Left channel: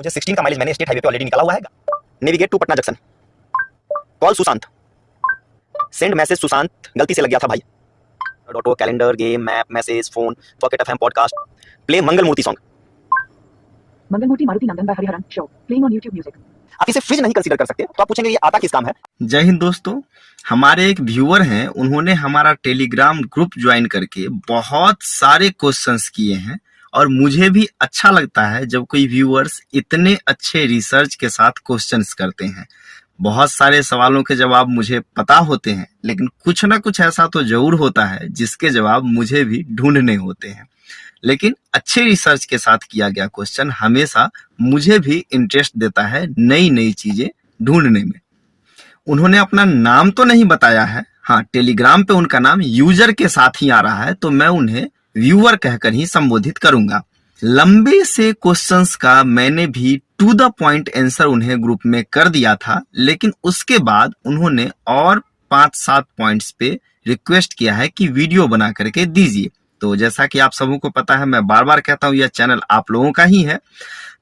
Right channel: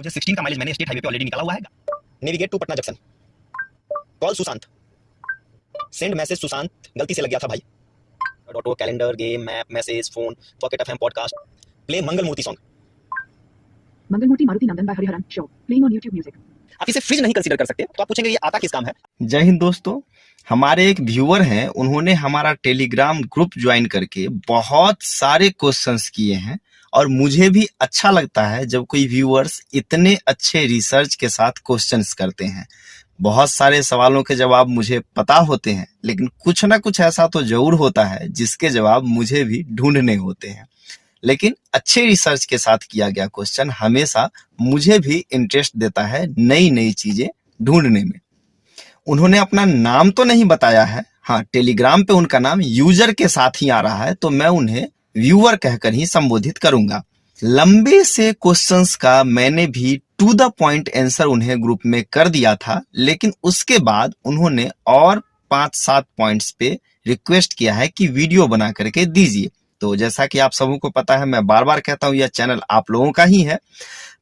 मुझे 16 का माइलेज मैंने स्टेट हाईवे पे ऑलरेडी निकाला हुआ है। Navigate to Patna junction, call Sushant, send message Sushant, गलती से लग गया था भाई। Auto, calendar, game, map, message, phone, pocket FM, podcast, play Mangal Murti song. Mangalmurti Maruti Nandan by Hariharan show playing on YouTube music. आप इसे फ्रिज नहीं कंसीडर कर सकते, तो आप पूछेंगे ये आता किस काम है। जय हिंद दोस्तों, हमारे एक व्यूअर हैं, उन्होंने हमारा टेलीग्राम ग्रुप ज्वाइन करके बहुत सारे क्वेश्चंस किए हैं और मुझे भी अच्छा लगता है जब कोई व्यूअर्स इतने अच्छे रिसर्च के साथ क्वेश्चंस करते हैं। बहुत सारे सवालों के जवाब मुझे पता होते हैं, लेकिन कुछ ना कुछ ऐसा तो जरूर होता है जिसके जवाब मुझे भी ढूंढने होते हैं। लेकिन अच्छे रिसर्च के साथ किया गया क्वेश्चन हमेशा मुझे भी इंटरेस्ट देता है नई नई चीजें ढूंढने में। उन्होंने अपना नाम तो नहीं बताया है, हाँ टेलीग्राम पे उनका नाम यूजर के साथ ही आ रहा है, तो मैं उन्हें व्यूअर कहकर ही संबोधित करूंगा। लंबे से क्वेश्चंस का मैंने भी टू द पॉइंट आंसर उन्हें ग्रुप में कर दिया था, लेकिन उसके बाद उन्होंने और 5-7 पॉइंट्स पे रिक्वेस्ट किया है कि वीडियो बना करके दीजिए। तो जैसा कि आप सबों को पता है, मैं बार बार कहता हूं यह चैनल आप लोगों का ही है,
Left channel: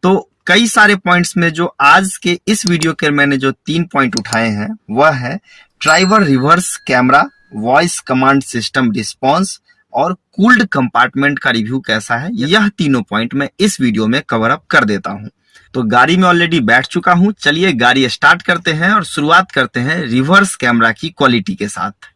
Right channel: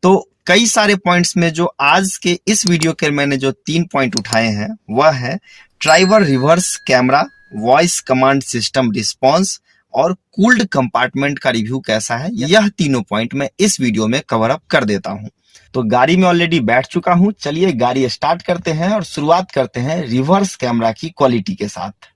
तो कई सारे पॉइंट्स में जो आज के इस वीडियो के मैंने जो 3 पॉइंट उठाए हैं वह है driver reverse camera, voice command system response और कूल्ड कंपार्टमेंट का रिव्यू कैसा है। यह तीनों पॉइंट मैं इस वीडियो में कवर अप कर देता हूं। तो गाड़ी में ऑलरेडी बैठ चुका हूं, चलिए गाड़ी स्टार्ट करते हैं और शुरुआत करते हैं रिवर्स कैमरा की क्वालिटी के साथ।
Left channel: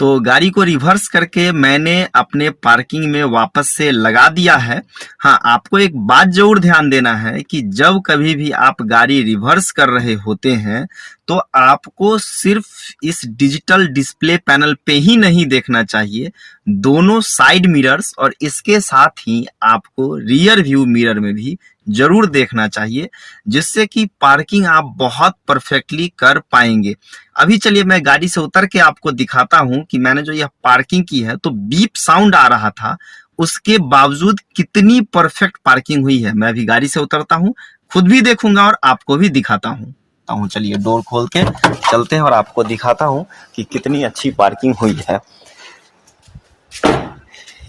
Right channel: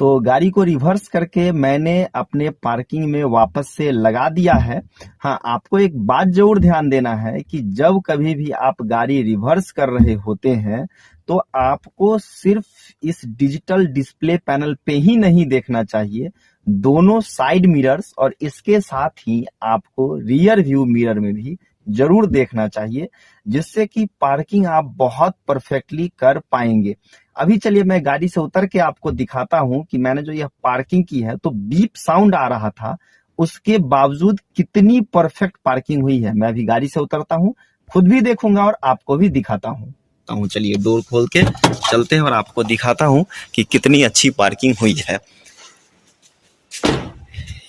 तो गाड़ी को रिवर्स करके मैंने अपने पार्किंग में वापस से लगा दिया है। हाँ, आपको एक बात जरूर ध्यान देना है कि जब कभी भी आप गाड़ी रिवर्स कर रहे होते हैं तो आपको सिर्फ इस डिजिटल डिस्प्ले पैनल पे ही नहीं देखना चाहिए, दोनों साइड मिरर्स और इसके साथ ही आपको रियर व्यू मिरर में भी जरूर देखना चाहिए, जिससे कि पार्किंग आप बहुत परफेक्टली कर पाएंगे। अभी चलिए मैं गाड़ी से उतर के आपको दिखाता हूं कि मैंने जो यह पार्किंग की है तो बीप साउंड आ रहा था, उसके बावजूद कितनी परफेक्ट पार्किंग हुई है। मैं अभी गाड़ी से उतरता हूं, खुद भी देखूंगा और आपको भी दिखाता हूं। चलिए डोर खोल के चलते हैं और आपको दिखाता हूं कि कितनी अच्छी पार्किंग हुई है।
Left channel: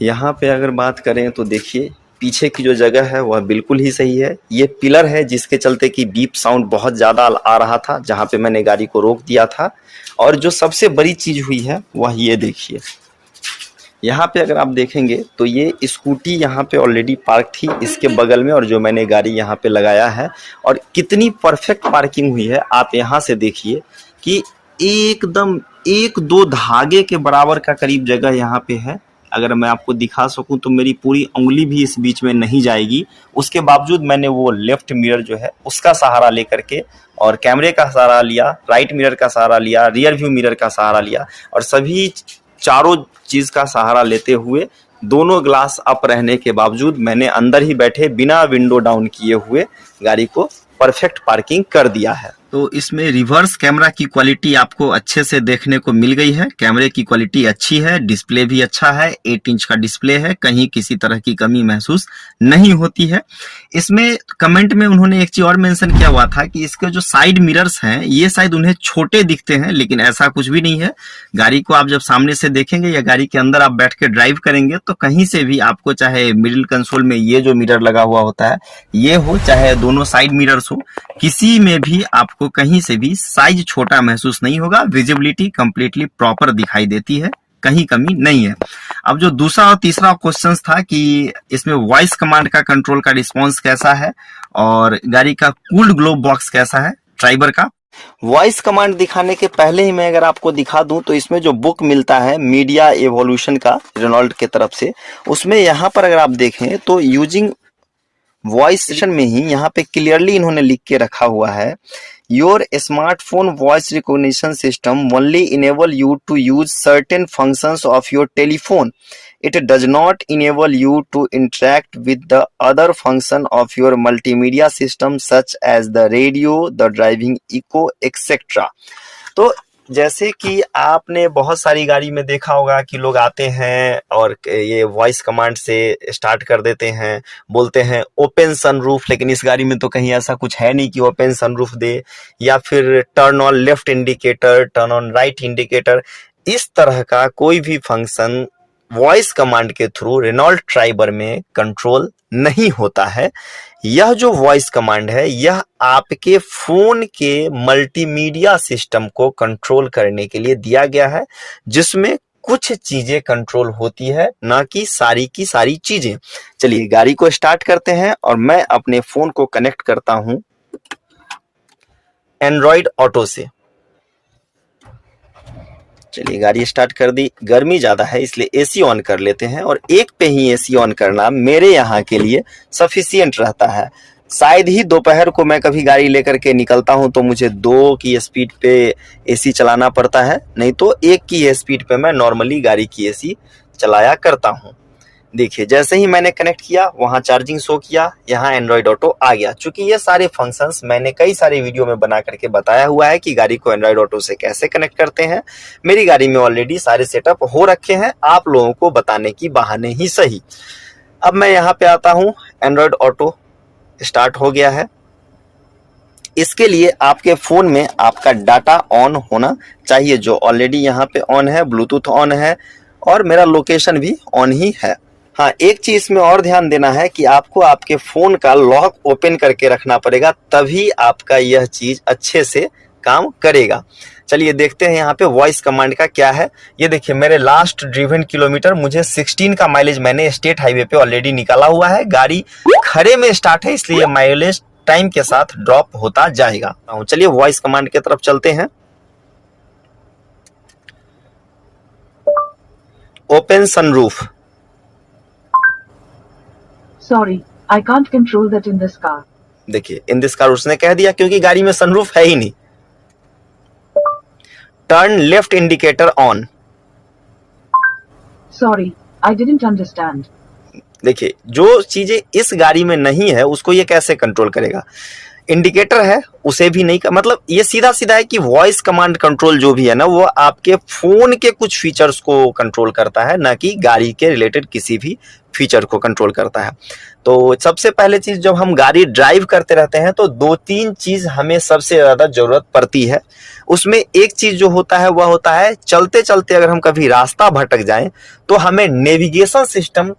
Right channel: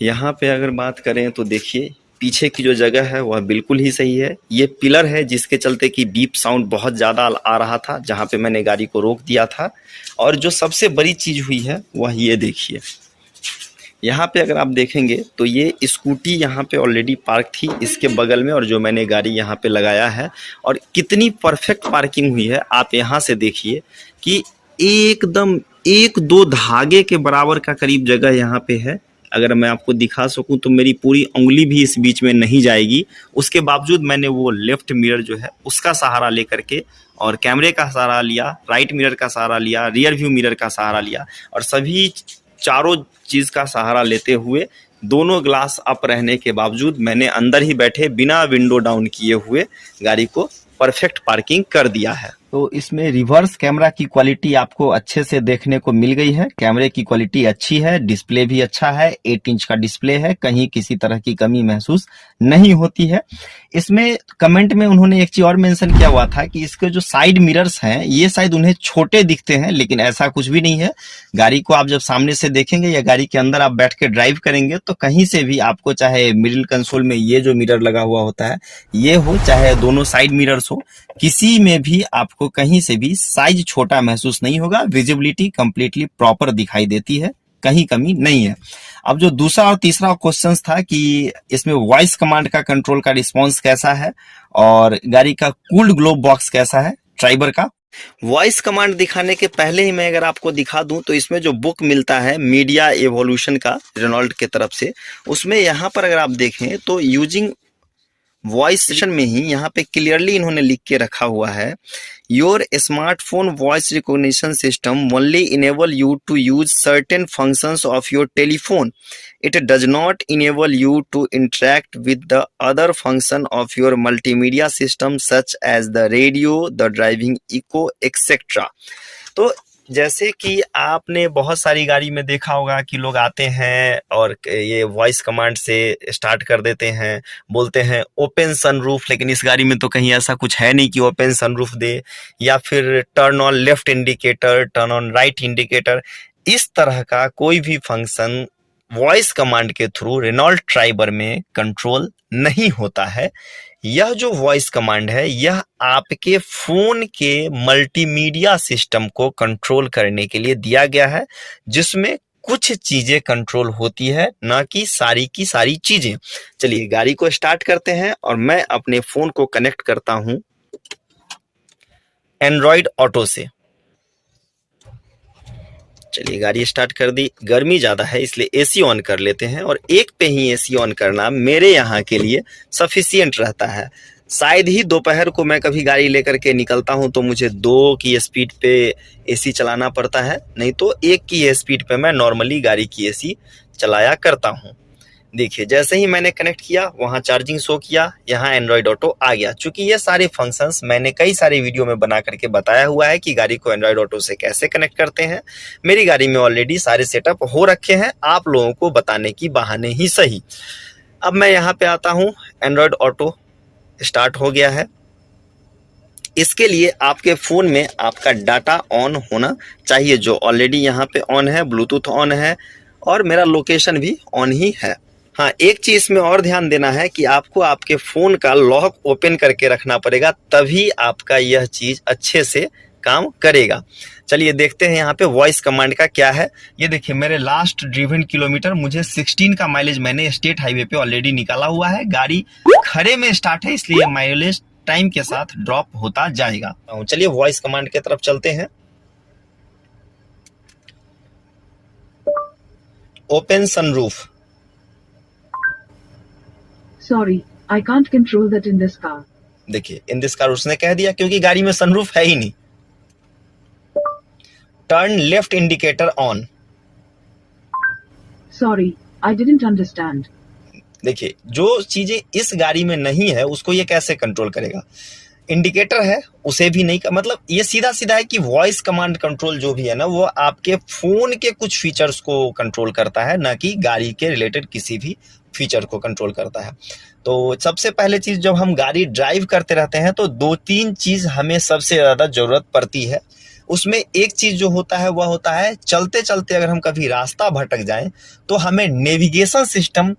यहाँ पे अगर बात करें तो देखिए पीछे की जो जगह है वह बिल्कुल ही सही है। ये पिलर है जिसके चलते कि बीप साउंड बहुत ज़्यादा आ रहा था जहाँ पे मैंने गाड़ी को रोक दिया था। और जो सबसे बड़ी चीज़ हुई है वह ये देखिए, यहाँ पे अगर आप देखेंगे तो ये स्कूटी यहाँ पे ऑलरेडी पार्क थी इसके बगल में, और जो मैंने गाड़ी यहाँ पे लगाया है और कितनी परफेक्ट पार्किंग हुई है। आप यहाँ से देखिए कि एकदम 1-2 धागे के बराबर का करीब जगह यहाँ पे है। अगर मैं आपको दिखा सकूं तो मेरी पूरी उंगली भी इस बीच में नहीं जाएगी। उसके बावजूद मैंने वो लेफ्ट मिरर जो है उसका सहारा लेकर के और कैमरे का सहारा लिया, राइट मिरर का सहारा लिया, रियर व्यू मिरर का सहारा लिया और सभी चारों चीज का सहारा लेते हुए दोनों ग्लास अप रहने के बावजूद मैंने अंदर ही बैठे बिना विंडो डाउन किए हुए गाड़ी को परफेक्ट पार्किंग कर दिया है। तो इसमें रिवर्स कैमरा की क्वालिटी आपको अच्छे से देखने को मिल गई है। कैमरे की क्वालिटी अच्छी है, डिस्प्ले भी अच्छा है, 8 इंच का डिस्प्ले है, कहीं किसी तरह की कमी महसूस नहीं होती है। इसमें कमेंट में उन्होंने एक चीज और मेंशन किया हुआ था कि इसके जो साइड मिरर्स हैं ये शायद उन्हें छोटे दिखते हैं, लेकिन ऐसा कुछ भी नहीं है। गाड़ी को आप जब सामने से देखेंगे या गाड़ी के अंदर आप बैठ के ड्राइव करेंगे तो कहीं से भी आपको, चाहे मिडिल कंसोल में ये जो मिरर लगा हुआ होता है ये हो, चाहे दोनों साइड मिरर्स हो, किसी में भी आपको कहीं से भी साइज छोटा महसूस नहीं होगा। विजिबिलिटी कंप्लीटली प्रॉपर दिखाई देती है, कहीं कमी नहीं है। अब जो दूसरा और तीसरा क्वेश्चन था कि इसमें वॉइस कमांड का कंट्रोल का रिस्पांस कैसा है और गाड़ी का कूल्ड ग्लोब बॉक्स कैसा है ड्राइवर का। वॉइस कमांड दिखाने के पहले ही मैं अगर आपको दिखा दूं तो इसमें जो बुक मिलता है मीडिया एवोल्यूशन का रेनॉल्ट के तरफ से, उसमें यहाँ पर अगर आप देखें तो यूजिंग वॉइस सेक्शन में ही यहाँ पे क्लियरली इन्होंने लिख के रखा हुआ है, your smartphone voice recognition system only enable you to use certain functions of your telephone, it does not enable you to interact with the other function of your multimedia system such as the radio, the driving echo, etc. तो जैसे कि आपने बहुत सारी गाड़ी में देखा होगा कि लोग आते हैं और ये वॉइस कमांड से स्टार्ट कर देते हैं, बोलते हैं ओपन सनरूफ, लेकिन इस गाड़ी में तो कहीं ऐसा कुछ है नहीं कि ओपन सनरूफ दे, या फिर turn on left indicator, turn on right indicator. इस तरह का कोई भी फंक्शन वॉइस कमांड के थ्रू रेनॉल्ट ट्राइबर में कंट्रोल नहीं होता है। यह जो वॉइस कमांड है यह आपके फोन के मल्टीमीडिया सिस्टम को कंट्रोल करने के लिए दिया गया है, जिसमें कुछ चीजें कंट्रोल होती है, ना कि सारी की सारी चीजें। चलिए गाड़ी को स्टार्ट करते हैं और मैं अपने फोन को कनेक्ट करता हूं एंड्रॉइड ऑटो से। चलिए गाड़ी स्टार्ट कर दी। गर्मी ज़्यादा है इसलिए एसी ऑन कर लेते हैं, और एक पे ही एसी ऑन करना मेरे यहाँ के लिए सफिशियंट रहता है। शायद ही दोपहर को मैं कभी गाड़ी लेकर के निकलता हूँ तो मुझे 2 की स्पीड पे एसी चलाना पड़ता है, नहीं तो 1 की स्पीड पे मैं नॉर्मली गाड़ी की एसी चलाया करता हूँ। देखिए जैसे ही मैंने कनेक्ट किया वहाँ चार्जिंग शो किया, यहाँ एंड्रॉइड ऑटो आ गया। चूंकि ये सारे फंक्शंस मैंने कई सारे वीडियो में बना करके बताया हुआ है कि गाड़ी को एंड्रॉइड ऑटो से कैसे कनेक्ट करते हैं। मेरी गाड़ी में ऑलरेडी सारे सेटअप हो रखे हैं, आप लोगों को बताने की बहाने ही सही। अब मैं यहाँ पे आता हूँ, एंड्रॉइड ऑटो स्टार्ट हो गया है। इसके लिए आपके फोन में आपका डाटा ऑन होना चाहिए, जो ऑलरेडी यहाँ पे ऑन है, ब्लूटूथ ऑन है और मेरा लोकेशन भी ऑन ही है। हाँ, एक चीज में और ध्यान देना है कि आपको आपके फोन का लॉक ओपन करके रखना पड़ेगा, तभी आपका यह चीज अच्छे से काम करेगा। चलिए देखते हैं यहाँ पे वॉइस कमांड का क्या है। ये देखिए मेरे लास्ट ड्रिवन किलोमीटर मुझे 16 का माइलेज मैंने स्टेट हाईवे पे ऑलरेडी निकाला हुआ है। गाड़ी खड़े में स्टार्ट है इसलिए माइलेज टाइम के साथ ड्रॉप होता जाएगा। चलिए वॉइस कमांड की तरफ चलते हैं। Open sunroof. Sorry, I can't control that in this car. देखिए इन दिस कार उसने कह दिया क्योंकि गाड़ी में सनरूफ है ही नहीं। Turn left indicator on. Sorry, I didn't understand. देखिए जो चीजें इस गाड़ी में नहीं है उसको ये कैसे कंट्रोल करेगा। इंडिकेटर है उसे भी नहीं, मतलब ये सीधा सीधा है कि वॉइस कमांड कंट्रोल जो भी है ना वो आपके फोन के कुछ फीचर्स को कंट्रोल करता है, ना कि गाड़ी के रिलेटेड किसी भी फीचर को कंट्रोल करता है। तो सबसे पहले चीज, जब हम गाड़ी ड्राइव करते रहते हैं तो 2-3 चीज हमें सबसे ज्यादा जरूरत पड़ती है। उसमें एक चीज जो होता है वह होता है चलते चलते अगर हम कभी रास्ता भटक जाएं तो हमें नेविगेशन सिस्टम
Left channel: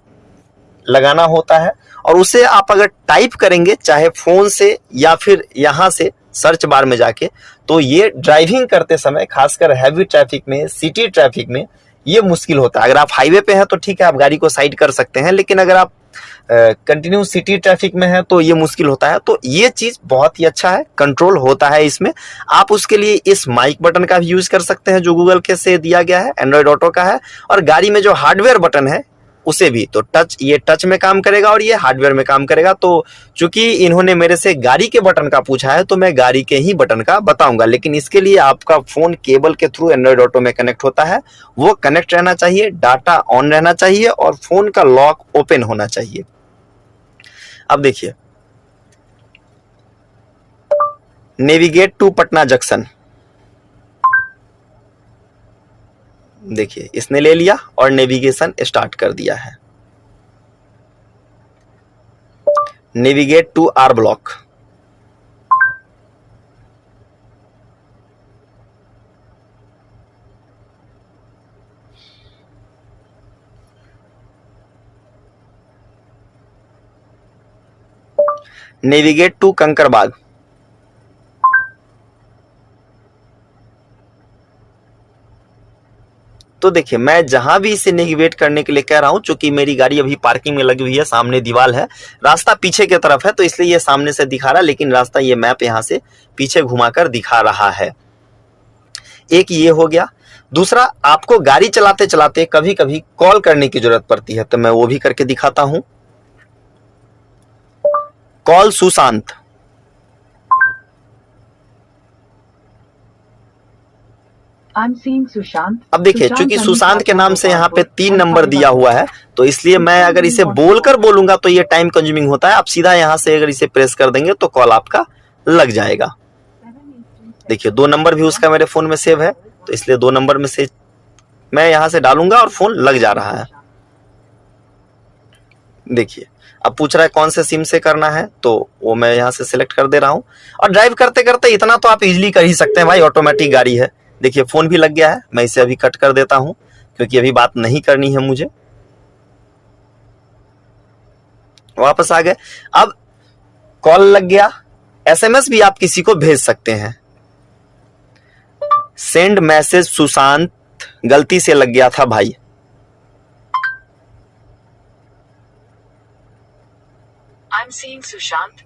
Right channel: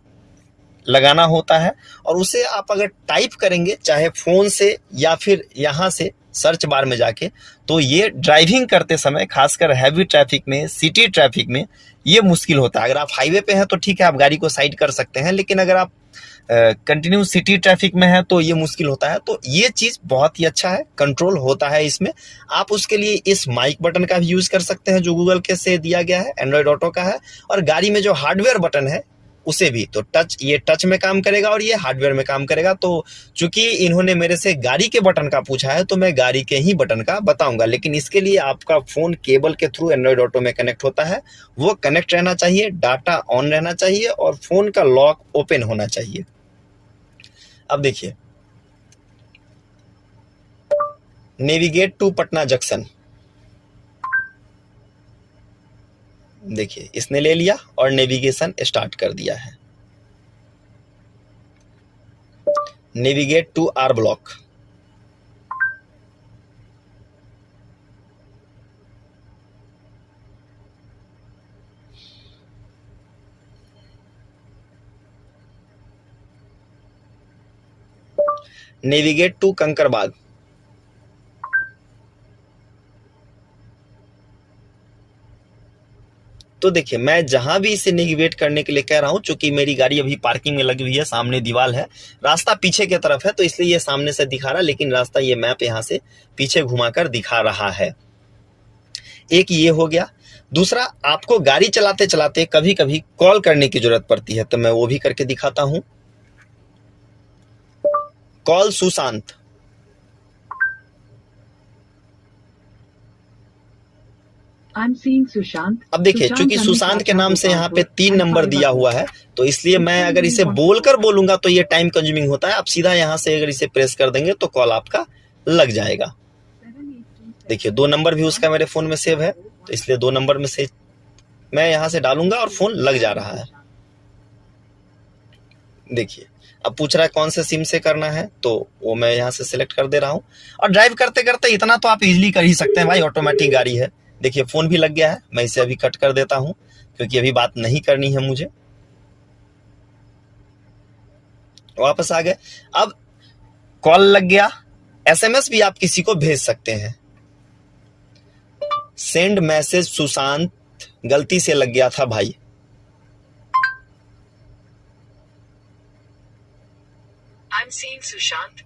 लगाना होता है, और उसे आप अगर टाइप करेंगे चाहे फोन से या फिर यहाँ से सर्च बार में जाके, तो ये ड्राइविंग करते समय खासकर हैवी ट्रैफिक में, सिटी ट्रैफिक में ये मुश्किल होता है। अगर आप हाईवे पे हैं तो ठीक है आप गाड़ी को साइड कर सकते हैं, लेकिन अगर आप कंटिन्यू सिटी ट्रैफिक में है तो ये मुश्किल होता है। तो ये चीज बहुत ही अच्छा है, कंट्रोल होता है इसमें। आप उसके लिए इस माइक बटन का भी यूज कर सकते हैं जो गूगल के से दिया गया है, एंड्रॉइड ऑटो का है। और गाड़ी में जो हार्डवेयर बटन है उसे भी, तो टच, ये टच में काम करेगा और ये हार्डवेयर में काम करेगा। तो चूंकि इन्होंने मेरे से गाड़ी के बटन का पूछा है तो मैं गाड़ी के ही बटन का बताऊंगा, लेकिन इसके लिए आपका फोन केबल के थ्रू एंड्रॉइड ऑटो में कनेक्ट होता है, वो कनेक्ट रहना चाहिए, डाटा ऑन रहना चाहिए और फोन का लॉक ओपन होना चाहिए। अब देखिए, नेविगेट टू पटना जंक्शन, देखिए इसने ले लिया और नेविगेशन स्टार्ट कर दिया है। Navigate to R block, navigate to Kankarbagh, तो देखिए मैं जहां भी इसे नेविगेट करने के लिए कह रहा हूं, चूंकि मेरी गाड़ी अभी पार्किंग में लगी हुई है, सामने दीवार है, रास्ता पीछे की तरफ है तो इसलिए ये सामने से दिखा रहा है, लेकिन रास्ता ये मैप यहां से पीछे घुमाकर दिखा रहा है। एक ये हो गया। दूसरा, आपको गाड़ी चलाते चलाते कभी कभी कॉल करने की जरूरत पड़ती है, तो मैं वो भी करके दिखाता हूं। Call Sushant. I'm seeing Sushant. अब देखिए, चूंकि सुशांत के नाम से यहाँ पे 3 नंबर दिया हुआ है, तो इसलिए मैं अगर इसे बोलकर बोलूंगा तो ये टाइम कंज्यूमिंग होता है। आप सीधा यहाँ से अगर इसे प्रेस कर देंगे तो कॉल आपका लग जाएगा। देखिए 2 नंबर भी उसका मेरे फोन में सेव है, तो इसलिए 2 नंबर में से मैं यहाँ से डालूंगा और फोन लग जा रहा है। देखिए अब पूछ रहा है कौन से सिम से करना है, तो वो मैं यहाँ से सिलेक्ट कर दे रहा हूँ। और ड्राइव करते करते इतना तो आप इजीली कर ही सकते हैं भाई, ऑटोमेटिक गाड़ी है। देखिए फोन भी लग गया है। मैं इसे अभी कट कर देता हूं क्योंकि अभी बात नहीं करनी है मुझे। वापस आ गए। अब कॉल लग गया। एसएमएस भी आप किसी को भेज सकते हैं। सेंड मैसेज सुशांत, गलती से लग गया था भाई।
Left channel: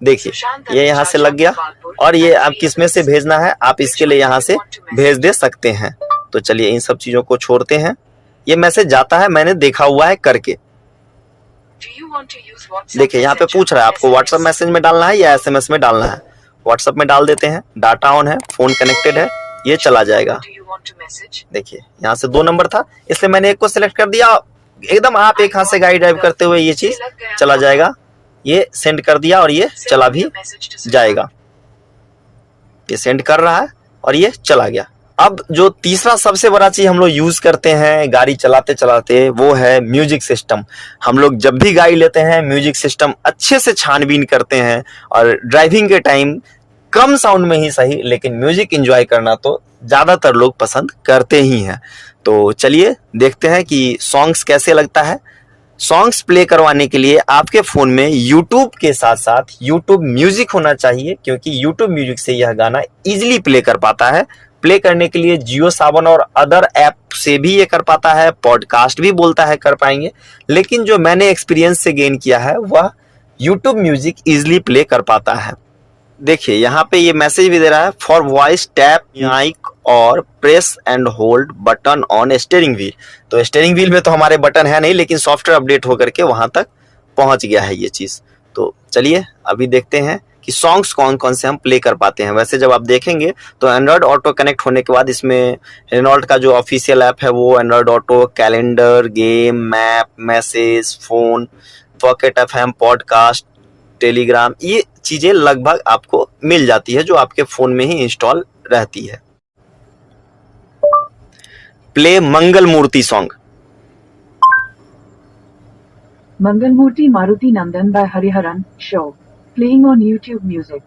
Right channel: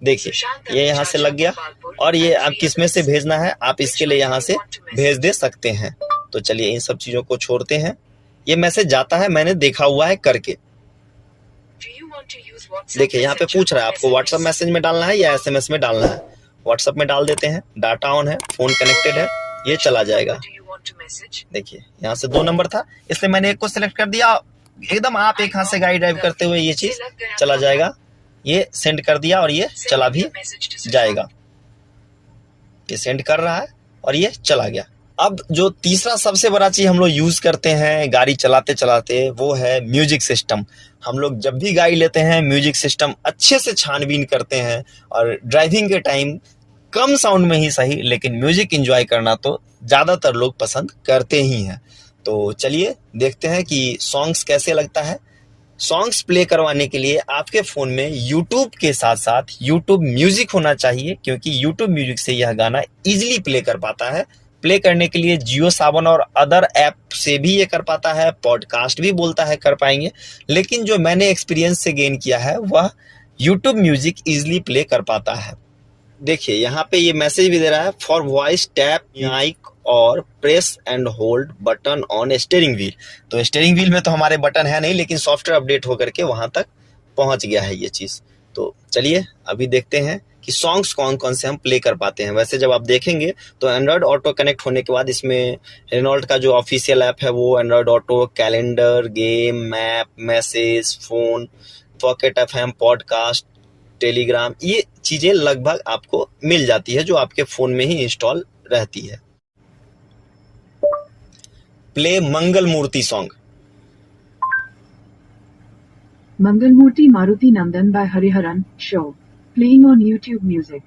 देखिए ये यहाँ से लग गया, और ये आप किसमें से भेजना है आप इसके लिए यहाँ से भेज दे सकते हैं। तो चलिए इन सब चीजों को छोड़ते हैं। ये मैसेज जाता है, मैंने देखा हुआ है करके। देखिए यहाँ पे पूछ रहा है आपको व्हाट्सएप मैसेज में डालना है या एसएमएस में डालना है। व्हाट्सएप में डाल देते हैं। डाटा ऑन है, फोन कनेक्टेड है, ये चला जाएगा। देखिए यहाँ से 2 नंबर था, इसलिए मैंने एक को सिलेक्ट कर दिया। एकदम आप एक हाथ से गाड़ी ड्राइव करते हुए ये चीज चला जाएगा। ये सेंड कर दिया और ये चला भी जाएगा। ये सेंड कर रहा है और ये चला गया। अब जो तीसरा सबसे बड़ा चीज हम लोग यूज करते हैं गाड़ी चलाते चलाते, वो है म्यूजिक सिस्टम। हम लोग जब भी गाड़ी लेते हैं म्यूजिक सिस्टम अच्छे से छानबीन करते हैं, और ड्राइविंग के टाइम कम साउंड में ही सही लेकिन म्यूजिक एंजॉय करना तो ज्यादातर लोग पसंद करते ही हैं। तो चलिए देखते हैं कि सॉन्ग्स कैसे लगता है। सॉन्ग्स प्ले करवाने के लिए आपके फोन में YouTube के साथ साथ YouTube म्यूजिक होना चाहिए, क्योंकि YouTube म्यूजिक से यह गाना इजीली प्ले कर पाता है। प्ले करने के लिए जियो सावन और अदर ऐप से भी ये कर पाता है, पॉडकास्ट भी बोलता है कर पाएंगे, लेकिन जो मैंने एक्सपीरियंस से गेन किया है वह YouTube म्यूजिक इजीली प्ले कर पाता है। देखिए यहाँ पे ये मैसेज भी दे रहा है, फॉर वॉइस टैप माइक और press and hold button on steering wheel. तो स्टीयरिंग व्हील में तो हमारे बटन है नहीं, लेकिन सॉफ्टवेयर अपडेट होकर के वहां तक पहुंच गया है ये चीज। तो चलिए अभी देखते हैं कि सॉन्ग्स कौन कौन से हम प्ले कर पाते हैं। वैसे जब आप देखेंगे तो एंड्रॉयड ऑटो कनेक्ट होने के बाद इसमें रेनॉल्ट का जो ऑफिशियल ऐप है वो Android auto, calendar, game, map, message, phone, pocket FM, podcast, Telegram, ये चीजें लगभग आपको मिल जाती है जो आपके फोन में ही इंस्टॉल रहती है। Play Mangal Murti song. Mangalmurti Maruti Nandan by Hariharan show playing on YouTube Music।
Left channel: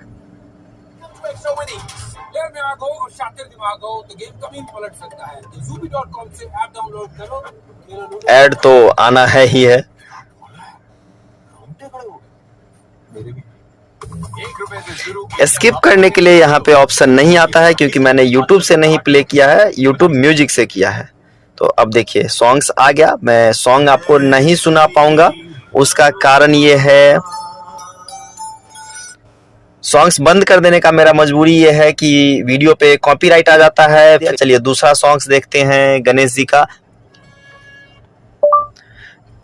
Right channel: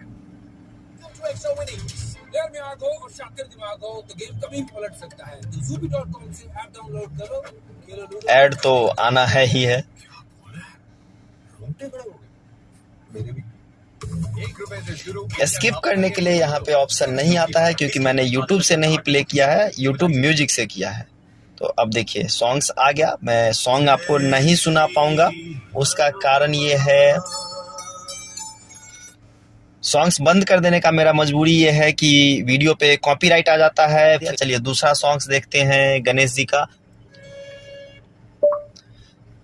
Ad तो आना है ही है। स्किप करने के लिए यहाँ पे ऑप्शन नहीं आता है, क्योंकि मैंने YouTube से नहीं प्ले किया है, YouTube म्यूजिक से किया है। तो अब देखिए सॉन्ग्स आ गया। मैं सॉन्ग आपको नहीं सुना पाऊंगा, उसका कारण ये है सॉन्ग्स बंद कर देने का मेरा मजबूरी ये है कि वीडियो पे कॉपीराइट आ जाता है। चलिए दूसरा सॉन्ग्स देखते हैं गणेश जी का।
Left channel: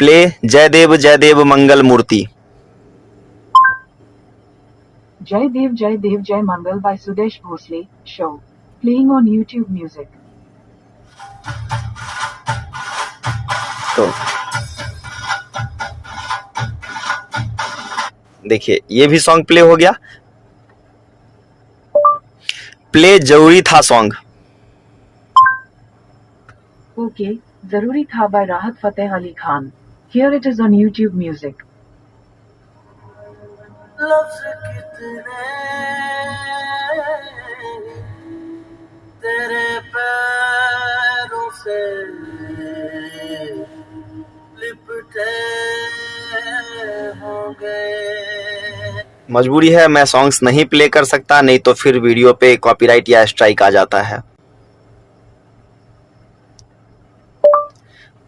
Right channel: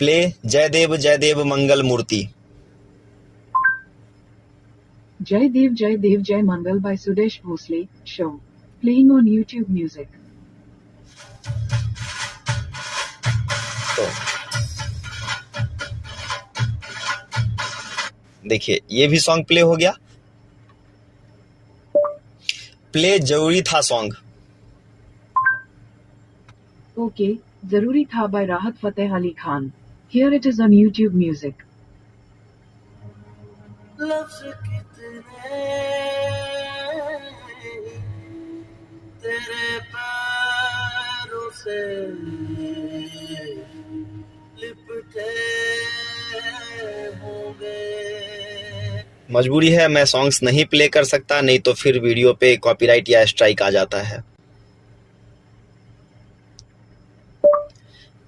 प्ले जय देव मंगल मूर्ति। Jai Dev Jai Mangal by Sudesh Bhosle show playing on YouTube Music। तो देखिए ये भी सॉन्ग प्ले हो गया। प्ले जरूरी था सॉन्ग। ओके जरूरी था by राहत Fateh Ali Khan. Here it is on YouTube Music। लफ्ज़ कितने तेरे पैरों से लिपटे होंगे। मजबूरी है, मैं सॉन्ग्स नहीं प्ले कर सकता, नहीं तो फिर वीडियो पे कॉपीराइट या स्ट्राइक आ जाता है।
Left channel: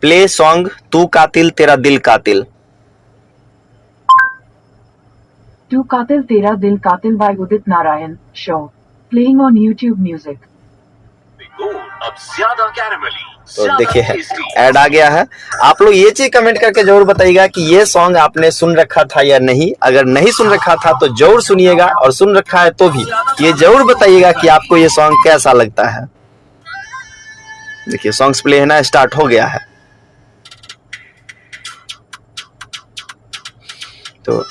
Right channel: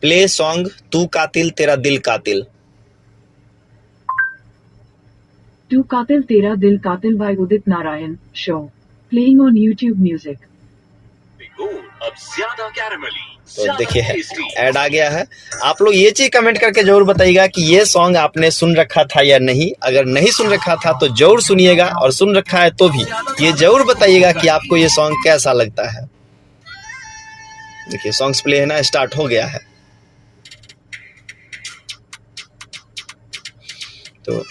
प्ले सॉन्ग तू कातिल तेरा दिल कातिल। तू कातिल तेरा दिल कातिल by Udit Narayan show playing on YouTube Music। अब ज्यादा कैरेमली तो देखिए ऐड आ गया है। आप लोग ये चीज कमेंट करके जरूर बताइएगा कि ये सॉन्ग आपने सुन रखा था या नहीं। अगर नहीं सुन रखा था तो जरूर सुनिएगा, और सुन रखा है तो भी ये जरूर बताइएगा कि आपको ये सॉन्ग कैसा लगता है। देखिए सॉन्ग्स प्ले है ना, स्टार्ट हो गया है। तो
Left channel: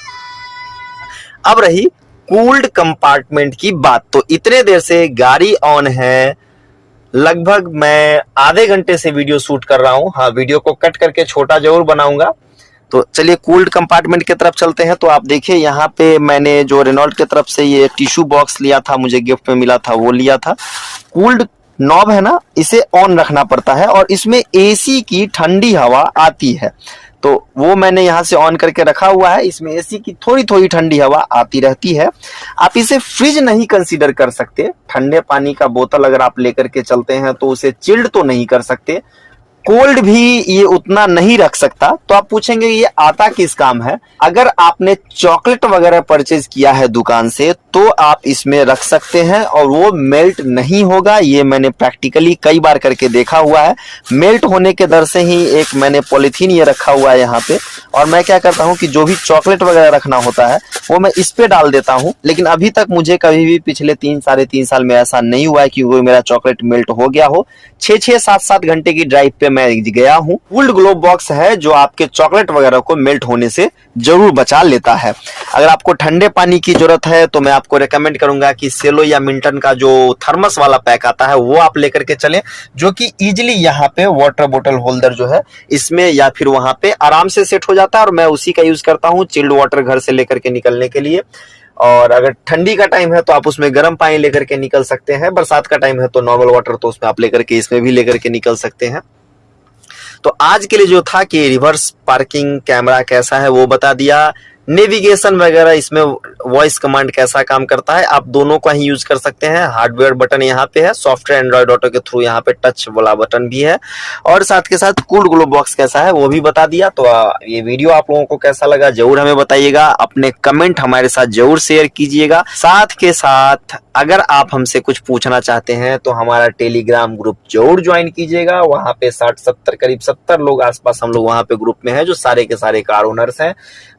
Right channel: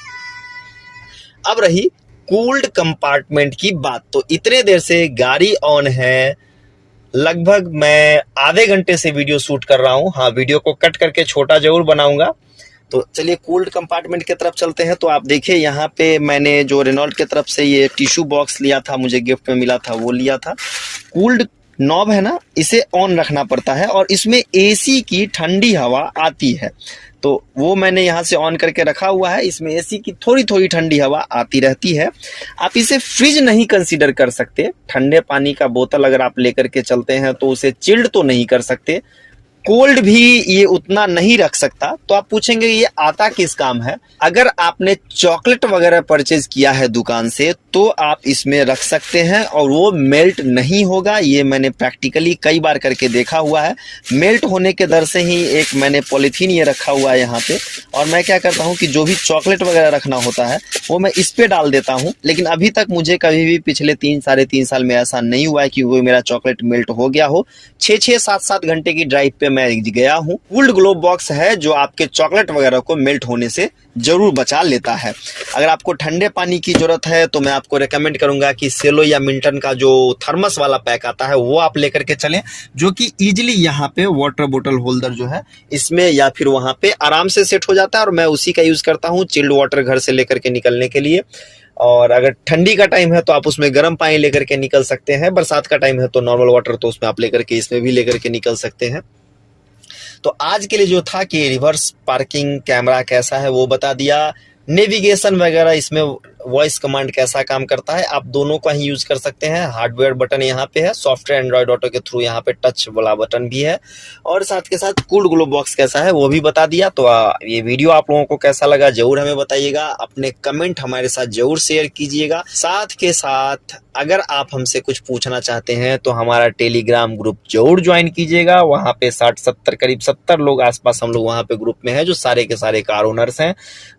अब रही कूल्ड कंपार्टमेंट की बात। तो इतने देर से गाड़ी ऑन है, लगभग मैं आधे घंटे से वीडियो शूट कर रहा हूं। हाँ, वीडियो को कट करके छोटा जरूर बनाऊंगा। तो चलिए कूल्ड कंपार्टमेंट की तरफ चलते हैं। तो आप देखिए यहाँ पे मैंने जो रेनॉल्ट की तरफ से ये टिश्यू बॉक्स लिया था, मुझे गिफ्ट में मिला था, वो लिया था। कूल्ड नॉब है ना, इसे ऑन रखना पड़ता है और इसमें एसी की ठंडी हवा आती है। तो वो मैंने यहाँ से ऑन करके रखा हुआ है। इसमें एसी की थोड़ी थोड़ी ठंडी हवा आती रहती है। आप इसे फ्रिज नहीं कंसीडर कर सकते। ठंडे पानी का बोतल अगर आप लेकर के चलते हैं तो उसे चिल्ड तो नहीं कर सकते, कोल्ड भी ये उतना नहीं रख सकता। तो आप पूछेंगे ये आता किस काम है। अगर आपने चॉकलेट वगैरह परचेज किया है दुकान से तो आप इसमें रख सकते हैं और वो मेल्ट नहीं होगा। ये मैंने प्रैक्टिकली कई बार करके देखा हुआ है। मेल्ट होने के डर से ही एक मैंने पॉलिथीन ये रखा हुआ है यहाँ पे, और मैं क्या करता हूँ कि जो भी चॉकलेट वगैरह रखना होता है वो मैं इस पे डाल देता हूँ। लेकिन अभी तक मुझे कभी भी पिछले 3-3.5 साल में ऐसा नहीं हुआ है कि वो मेरा चॉकलेट मेल्ट हो गया हो। 6-6, 7-7 घंटे की ड्राइव पे मैं गया हूँ। कूल्ड ग्लोब बॉक्स है जो आपके चॉकलेट वगैरह को मेल्ट होने से जरूर बचा लेता है। अगर आपको ठंडे पानी की जरूरत है तो मैं आपको रेकमेंड करूंगा कि सेलो या मिल्टन का जो थर्मस वाला पैक आता है वो आप लेकर के चलें, जो कि इजिली यहाँ पे वाटर बोतल होल्डर जो है इसमें या फिर वहां पे आराम से सेट हो जाता है। और मैं उसी का यूज करता हूँ चिल्ड वाटर घर से लेकर के निकलने के लिए। और अगर ठंडी का टाइम है तो आप उसमें गर्म पानी लेकर के निकल सकते हैं। बरसात का टाइम है तो नॉर्मल वाटर तो उसमें आप लेकर के इसमें भी लेकर के निकल सकते हैं। तो आज के लिए जो था कि रिवर्स पार्किंग कैमरा कैसा है वो बता दिया, नेविगेशन वगैरह इसमें वॉइस कमांड कैसा काम करता है, आप दोनों का ही यूज कर सकते हैं। हार्डवेयर बटन यहाँ पे है, सॉफ्टवेयर एंड्रॉइड ऑटो के थ्रू यहाँ पे टच वाला बटन भी है, और साथ के साथ कूल्ड ग्लोब बॉक्स कैसा है वो भी बता दिया। तो ये वीडियो आप लोगों को कैसा लगा जरूर हमें बताइएगा, अपने कमेंट हमारे साथ जरूर शेयर कीजिएगा। साथ के साथ अगर आप हमसे कुछ पूछना चाहते हैं तो हमारा टेलीग्राम ग्रुप जरूर ज्वाइन कीजिएगा। वहां पे 60-70 करीब 70 लोग आसपास हम लोग वहां पे ग्रुप में हैं जो सारे के सारे कार ओनर्स हैं।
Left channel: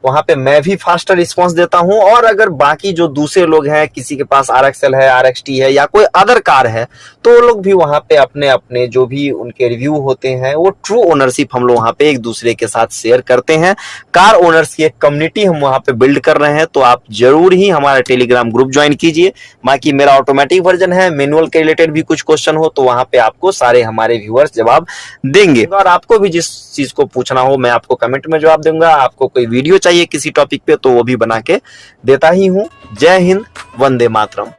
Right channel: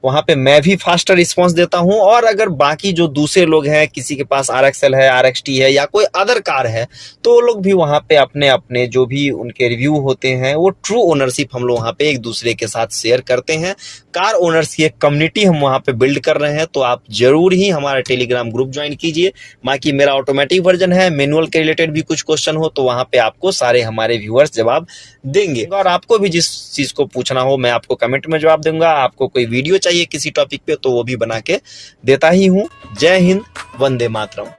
वहां पे मैं भी फास्टर रिस्पांस देता हूं, और अगर बाकी जो दूसरे लोग हैं, किसी के पास RXL है, RXT है या कोई अदर कार है, तो वो लोग भी वहां पे अपने अपने जो भी उनके रिव्यू होते हैं वो ट्रू ओनरशिप हम लोग वहां पे एक दूसरे के साथ शेयर करते हैं। कार ओनर्स की एक कम्युनिटी हम वहां पे बिल्ड कर रहे हैं। तो आप जरूर ही हमारा टेलीग्राम ग्रुप ज्वाइन कीजिए। बाकी मेरा ऑटोमेटिक वर्जन है, मैनुअल के रिलेटेड भी कुछ क्वेश्चन हो तो वहां पे आपको सारे हमारे व्यूअर्स जवाब देंगे। और आपको भी जिस चीज को पूछना हो मैं आपको कमेंट में जवाब दूंगा। आपको कोई वीडियो चाहिए किसी टॉपिक पे तो वो भी बना के देता ही हूँ। जय हिंद, वंदे मातरम।